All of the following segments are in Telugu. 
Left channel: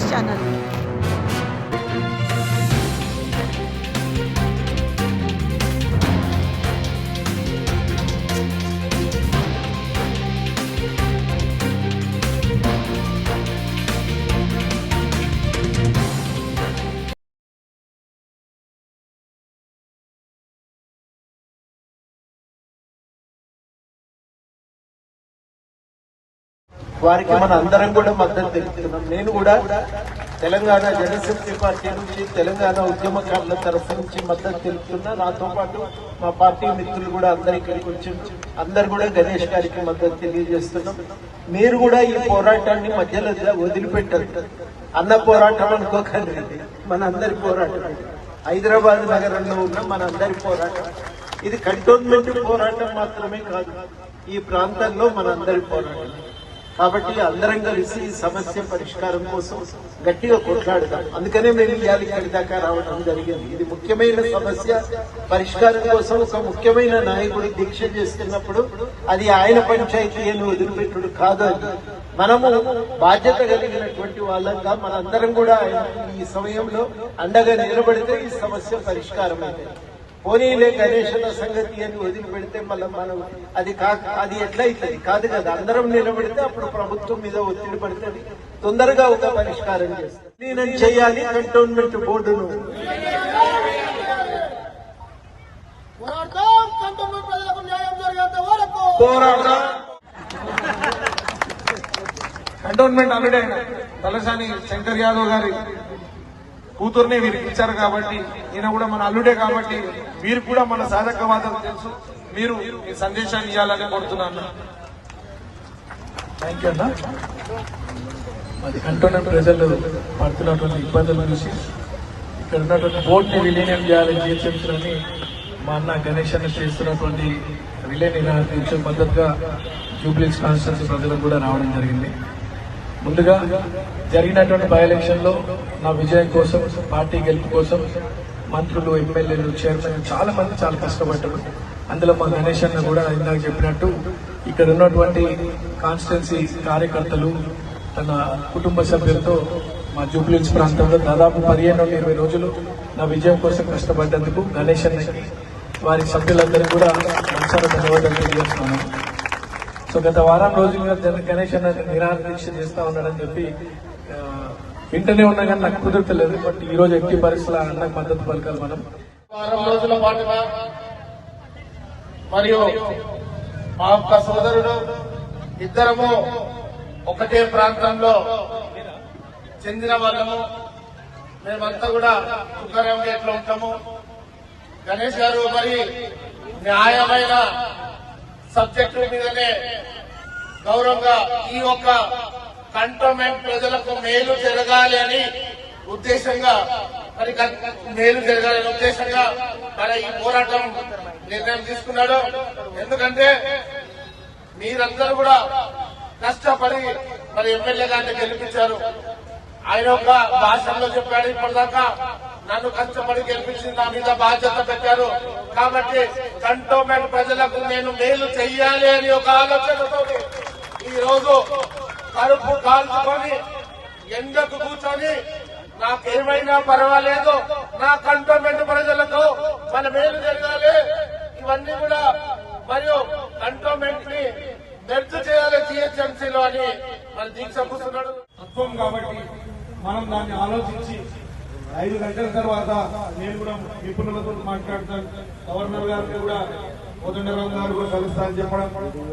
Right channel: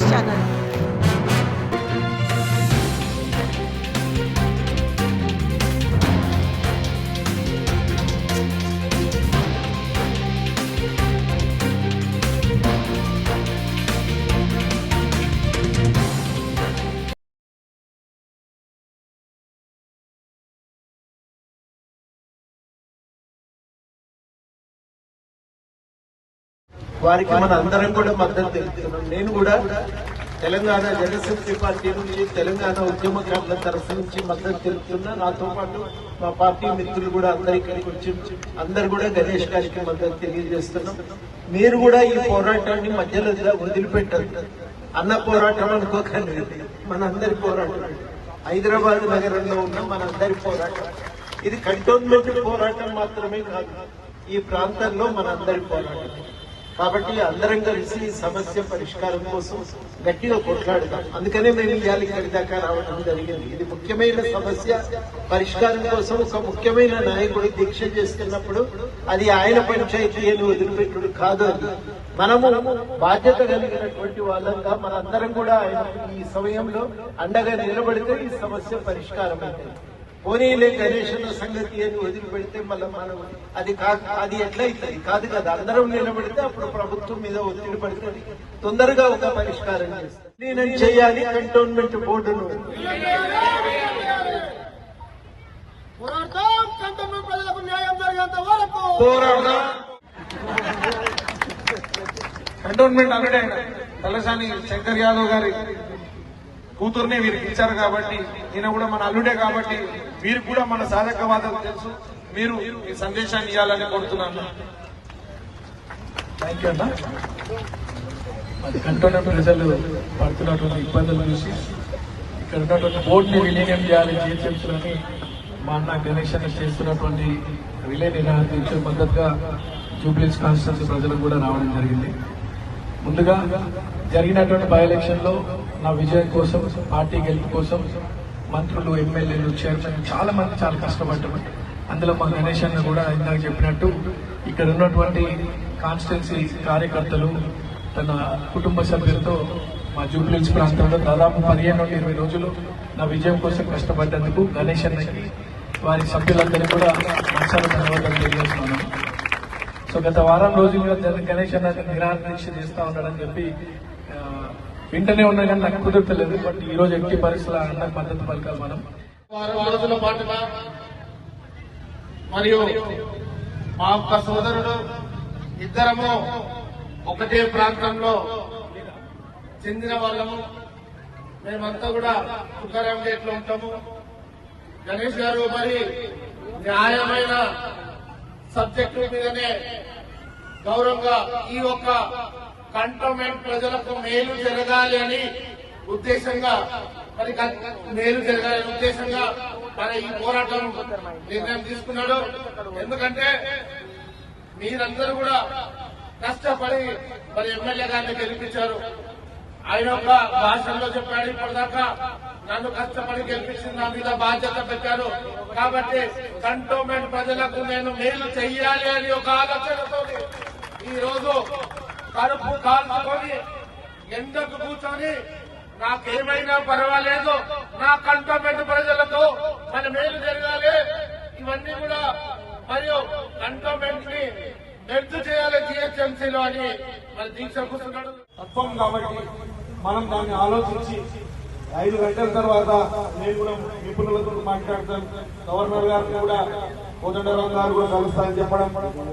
News channel. వారికి మన అందరం కూడా మద్దతు తెలుపుతున్నాం. నేను కూడా తెలంగాణ జనశక్తి పార్టీ నుంచి, తెలంగాణ ఉద్యమకారుల తరఫు నుంచి మద్దతు తెలుపుతున్నా. నాతో పాటు మా పార్టీ మిత్రులు కూడా అందరు కూడా గణేష్ గారికి మద్దతు తెలియజేస్తున్నాం. మీరు కూడా ఈ పోరాటాన్ని మధ్యలో వదిలిపెట్టారు. అన్న పోరాటం అనుకోకండి, మన అందరి పోరాటం. హైదరాబాద్ నగరంలో ఉన్న మన అందరి పోరాటం. ఇది కంటోన్మెంట్ పోరాటం మాత్రమే కాదు, ఈ ప్రాంతంలో మన అందరి పోరాటం. కాబట్టి అందరం కలిసి ఈ సమస్య పరిష్కారం కోసం గట్టిగా కొట్లాడతాం. అందుకనే మేము ఇవాళ ఇక్కడి దాకా రావడం జరిగింది. ఇది ముఖ్యమైన సమస్య పరిష్కారం కోసం ఒక ముఖ్యమైన నాయకుడు దీక్ష చేస్తున్నప్పుడు అది ఆయన పంచాయతీ అని వదిలిపెట్టుడు కాదు. అని మనము బాధ్యత కలిగినటువంటి వాళ్ళంగా మనందరం కూడా ఈ సమయంలో అండగా నిలబడితే ఈ సమస్య పరిష్కారం అవుతుంది. పోనీలే గణేశుల సంగతి అని వదిలిపెడితే మనం అది ఎట్లయితుంది? కాదు కదా. అందరం నిలబడితే అప్పుడు ప్రభుత్వం మీద ఒత్తిడి పడుతుంది, తొందరగా ఒక పరిష్కారం చేస్తుంది. నేను చేయాలి కంటోన్మెంట్ బోర్డును. కంటోన్మెంట్ అంటే తలసాని శంకర్ యాదవ్ గారి కూతుర్ని వీరికి ఇచ్చారు కాబట్టి, ఈయన కూడా మన అల్లుడే కాబట్టి మీరు కూడా మన సాధక మాత్రం తెలుసు. మీరు ఈ సందేశాన్ని ఇవ్వాలని కోరుతున్నాను. థ్యాంక్ యూ అన్న. కంటోన్మెంట్ ప్రజలు పడుతున్నటువంటి ఇబ్బందులు చూసి ఇక్కడ ఉన్నటువంటి బోర్డుని విలీనం చేయాలని జీహెచ్ఎంసీలని మా అన్న గణేష్ అన్న చేస్తున్నటువంటి విలీన మద్దతుగా జూబ్లీహిల్స్ కాన్స్టిట్యూన్సీ ప్రజలకు కూడా రావడం జరిగింది. ముందుగా జరిగినటువంటి బై ఎలక్షన్ లో నా విజయం కోసం, పార్టీ గెలుపు కోసం మంత్రులు, ఎమ్మెల్యేలు, చైర్మన్ చాలా మంది చాలా కష్టపడ్డారు. అందులో మా గణేష్ అన్న కూడా ఇందాక చెప్పినట్టు ఇక్కడ ఉన్నటువంటి కాన్స్టిట్యున్సీ కార్యకర్తలు తన కుటుంబ సభ్యులతో మా జూబ్లీహిల్స్ ప్రాంతంలో దాదాపు 15 నుండి 20 రోజులు నా విజయం కోసం కష్టపడ్డందుకు గణేష్ అన్నకి, వారి సభ్యులందరికీ కూడా ధన్యవాదాలు తెలియజేస్తున్నాను. సో గత వారం రోజులుగా గణేష్ అన్న నిరాహార దీక్ష చేస్తా ఉన్నాడని చెప్పి వింటనే ఉన్నా కానీ నాకు కుదరలేదు. బట్ ఈ రోజు ఎట్టి పరిస్థితుల అన్న మద్దతు పలకాలి. మనం రోజుల పాటుగా మరియు మా యొక్క సోదరుడు ఇద్దరము ఒకటే ప్రాంతంలో చెందిన వాళ్ళము. మేమంతా కూడా తుకారాం గేట్లో ఉంటాము. గణేష్ గారు మరి న్యాయమైన సబ్జెక్టుల మీదనే గౌరవంగా ఈ యొక్క కంటోన్మెంట్ ప్రజలకు మేలు జరగాలి అని ఉద్దేశంగా మరి ఈ పోరాటం నిర్ణయం తీసుకున్నాడు. ఎందుకంటే మీరందరూ కూడా కష్టపడి మరి ఎమ్మెల్యే గారిని గెలిపించారు. ఆయన ఒక భాషలో చెప్పాడు, ఇప్పటిదాకా నన్ను కష్టపడి గెలిపించి నా మీద బాధ్యత పెట్టారు కాబట్టి కంటోన్మెంట్ ప్రజలకు నేను మేలు చెయ్యాలి అని ఒక ఆలోచనతో ఈ రోజు కడుపు కాల్చుకొని ఎండకు కూర్చొని నాకేమైనా పర్వాలేదు, నా కంటోన్మెంట్ ప్రజలకు మన మేలు జరగాలి, ఇవన్నీ కూడా మరియు కంటోన్మెంట్ ని మెర్జ్ చేయాలి జీహెచ్ఎంసీలో అని మన దీక్ష కూర్చున్నాడు. తత్వం కాబట్టి మనం దాన్ని ఆలోచించి 5 గంటల తర్వాత నేను కూడా నిపుణులతో మాట్లాడతాను. గవర్నర్ గారు కూడా కోదండరాం గారు కూడా కలుస్తారని చెప్పడం,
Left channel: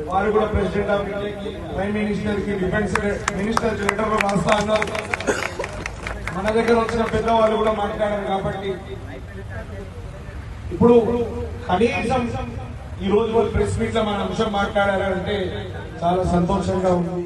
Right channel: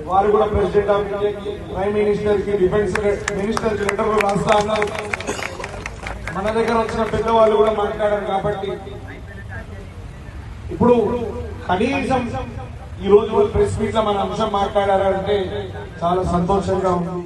వారు కూడా ప్రెసిడెంట్ ఆఫ్ ఇండియాకి, ప్రైమ్ మినిస్టర్ కి, డిఫెన్స్ మినిస్టర్ కి లెటర్లు రాస్తా అన్నారు. మన దగ్గర వచ్చిన పెద్దవాళ్ళు కూడా మాట్లాడారు. కాబట్టి ఇప్పుడు కనీసం ఈ రోజు ప్రెస్ మీట్ లో మన అంశం మాట్లాడారంటే చాలా సంతోషంగా ఉంది.